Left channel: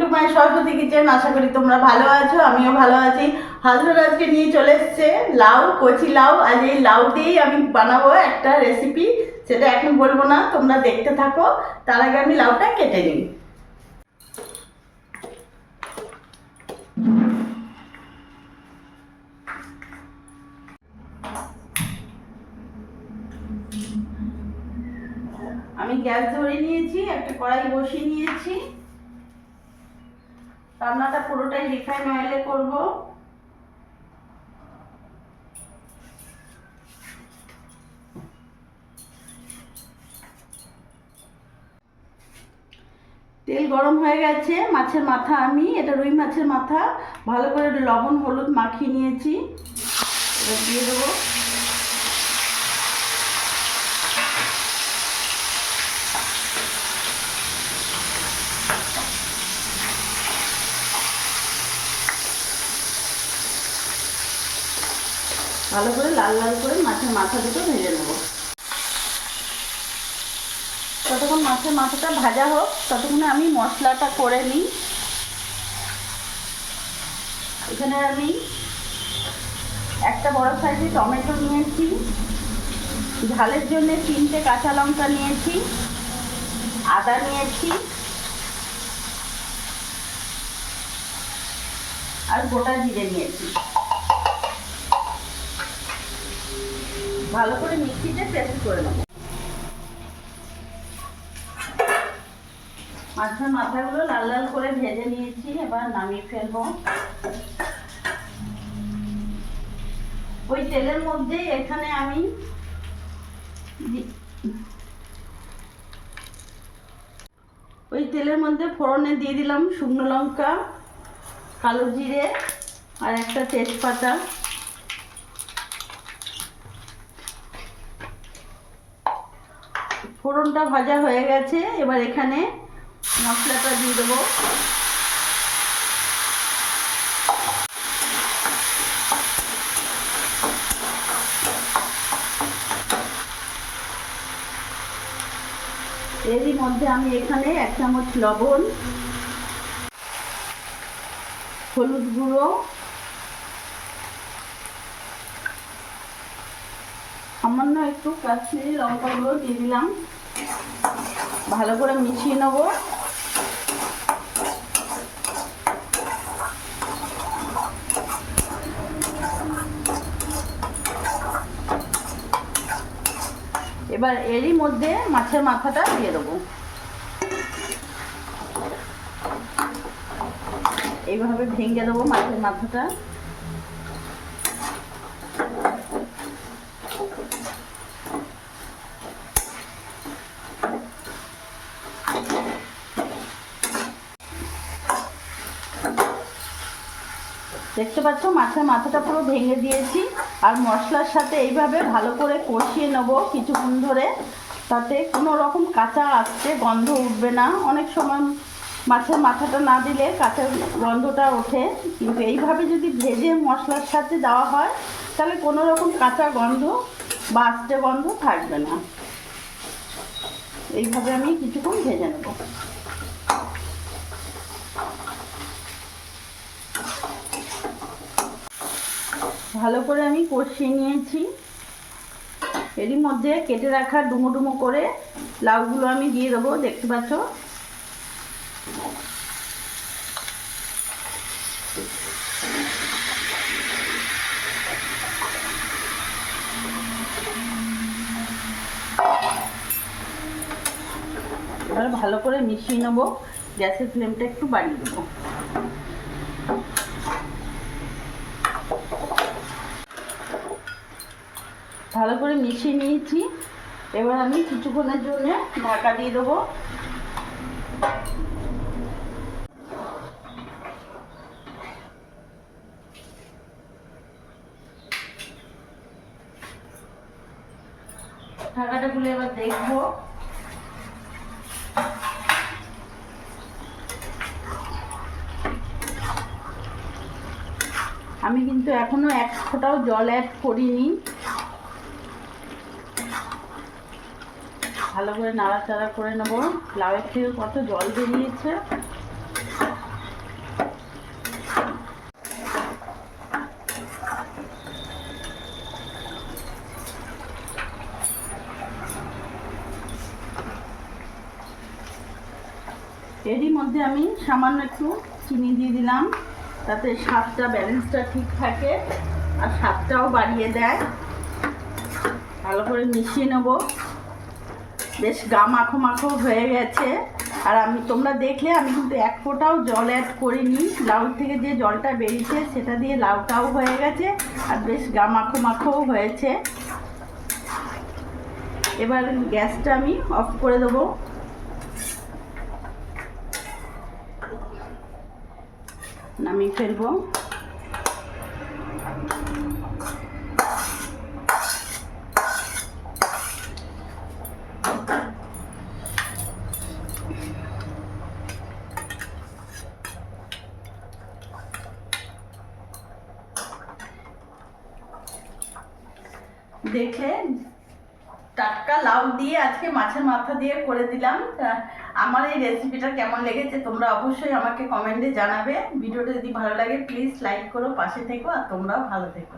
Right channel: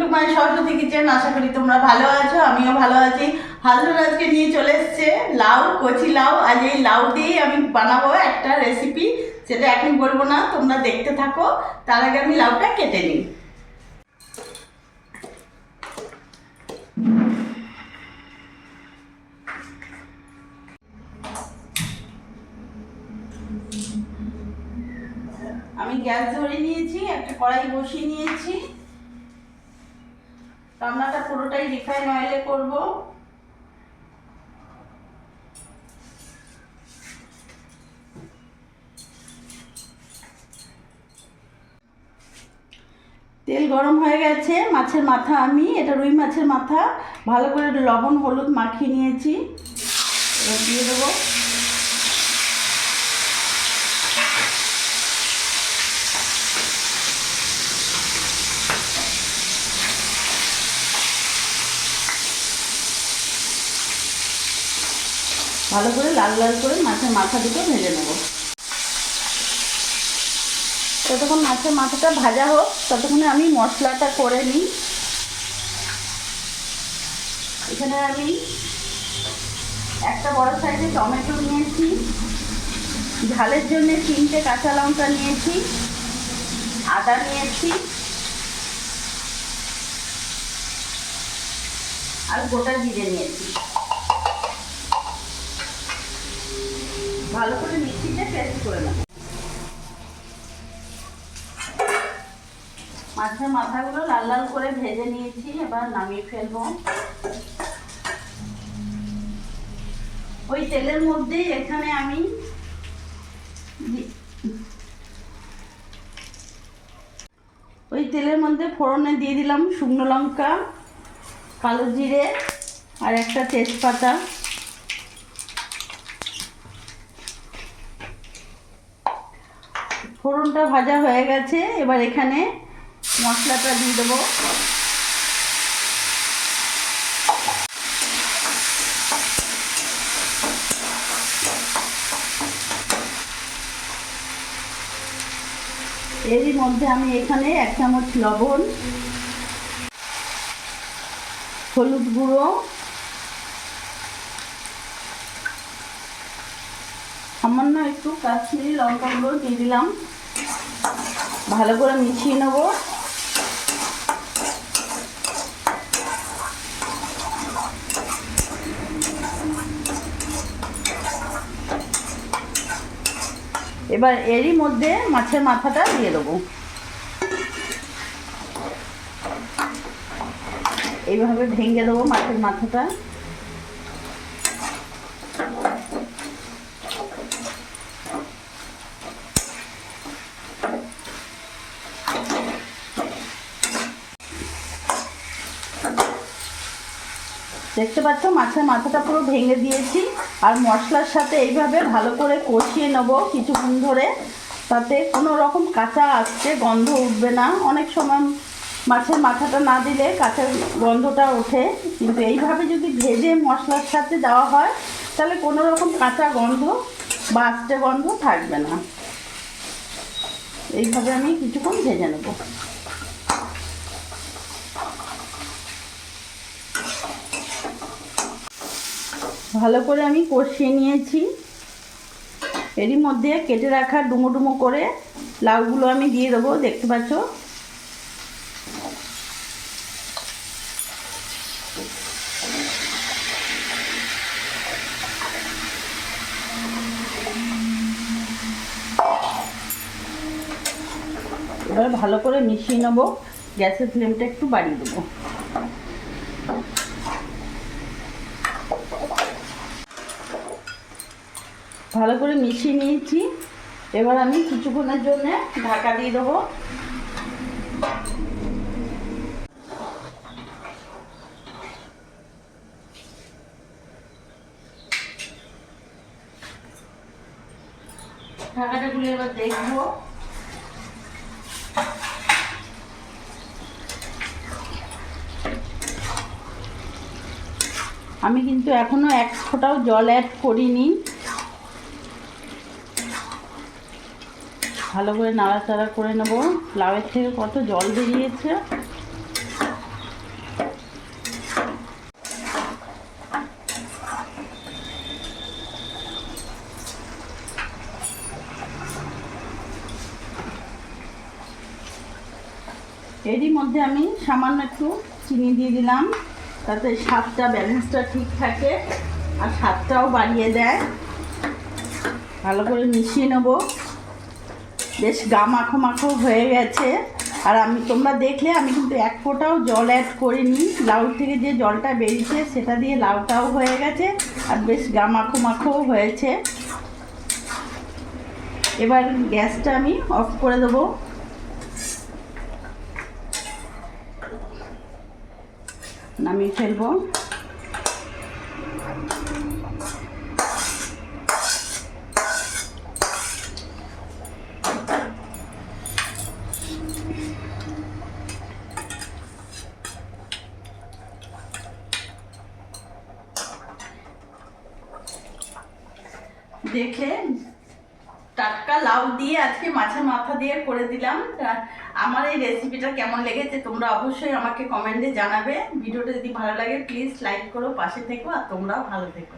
Two my Saraswati kitchen. আশা করি তোমরা ভালো আছো, আমিও ভালো আছি। হাজবেন্ড আজকে নিয়ে চলে এসছে লাউ, কচি লাউ। আজ এই লাউ দিয়েই আমি বানাবো একটা রেসিপি, সেটা এখন বলবো না, তোমরা দেখতে থাকো। তার আগে আমি লাউটা কেটে নিই। আমি গ্যাস ধরে নিয়েছি, একটা কড়াই বসিয়ে নিয়েছি। রান্নাটা পুরোটাই রিফাইন অয়েলে করব। তেল গরম হয়ে গেছে। মাছের মাথা, আমি এটা রুই মাছের মাথা, ভালো করে লবণ হলুদ মাখিয়ে নিয়েছি। এবার দিয়ে দেবো। ভালো করে লাল লাল করে মাছের মাথা দুটো ভেজে নেবো। ততক্ষণ মাছের মাথাটা ভাজা হোক, ততক্ষণে আমি মশলাটা করে নিই। এখানে আমি একটা বড় সাইজের টমেটো নিয়েছি, ঝালের জন্য 3টে কাঁচা লঙ্কা নিয়েছি, আদা নিয়েছি আর গোটা জিরে নিয়েছি। ভালো করে মিক্সিতে পেস্ট করে নেব। মাছের মাথাগুলো লাল লাল করে ভেজে নিয়েছি, এবার নামিয়ে ফেলবো। ওই তেলের মধ্যে এখানে আমি ফোড়নে দিয়ে দিলাম শুকনো লঙ্কা, কালো জিরে আর একটা তেজপাতা। ফোড়নটা ভাজা হয়ে গেছে, এবার এখানে মশলাটা দিয়ে দেবো। এরই মধ্যে আমি এখানে 1 চামচ লবণ, হলুদ গুঁড়ো, সামান্য একটু কাশ্মীরি লঙ্কা গুঁড়ো দিয়ে দিলাম। ভালো করে মিশিয়ে নেব। এবার এরই মধ্যে মাছের মাথাটা দিয়ে দেবো। এইভাবে ভেঙে দেবো মাছের মাথাটা। দেখতে পাচ্ছ মাছের মাথাটা পুরো ভেঙে দিয়েছি। আর মশলার সাথে এইভাবে ভালো করে কষিয়ে নেবো কিছুক্ষণ ধরে, তাতে কোনো রকম কাঁচা আসছে গন্ধ উঠবে না। অনেক সময় মাছের মাথাটা না দিলে কাঁচা গন্ধটা ওঠে, কিন্তু এইভাবে যদি ভেজে মশলার সাথে দেওয়া হয় তাহলে কোনো রকম কাঁচা গন্ধ বা আস্তে গন্ধ থাকবে না। এইভাবে আমি কিছুক্ষণ ভেজে নেব। ভালো করে আমি কষিয়ে নিয়েছি। এরই মধ্যে কেটে রাখা ডুমো ডুমো করে লাউগুলো আমি দিয়ে দেবো। দেখতে পাচ্ছ এবার ভালো করে মিশিয়ে নেব। গ্যাসের ফ্লেমটা একটু বাড়িয়ে দেবো। ভালো করে মিশিয়ে নিয়েছি। এবার আমি কিছুক্ষণের জন্য ঢাকা দিয়ে দেবো। ঢাকাটা খুলে এবার দেখবো। আমি কিন্তু এখনো 1 ফোঁটাও জল অ্যাড করিনি। ভালো করে নাড়াচাড়া করে নেব। লাউয়ের থেকে কত জল বেরিয়েছে। এরই মধ্যে আমি সামান্য একটু চিনি দিয়ে দিলাম, তাতে স্বাদটা ব্যালেন্সটা ঠিক থাকে আর স্বাদটাও বাড়িয়ে দেয়। ভালো করে মিশিয়ে নেব। বেশ গা মাখো মাখো হয়ে গেছে। আর তোমরা দেখলে আমি কিন্তু এক ফোঁটাও জল অ্যাড করিনি। লাউ থেকে যে জলটা বেরিয়েছে সেটা দিয়ে লাউটাও হয়ে গেছে আর বেশ গা মাখো মাখোও হয়েছে। এবার গ্যাসটা আমি অফ করে দেবো। নামিয়ে ফেলবো। দেখলে টাটকা লাউ দিয়ে আজকে মাছের মাথা দিয়ে করে দিলাম। আমার এই রেসিপিটা কেমন লেগেছে তোমরা অবশ্যই আমাকে কমেন্টে জানাবে। ভিডিওটা যদি ভালো লাগে প্লিজ লাইক করো, পাশে থেকো আর তোমরাও ভালো থেকো।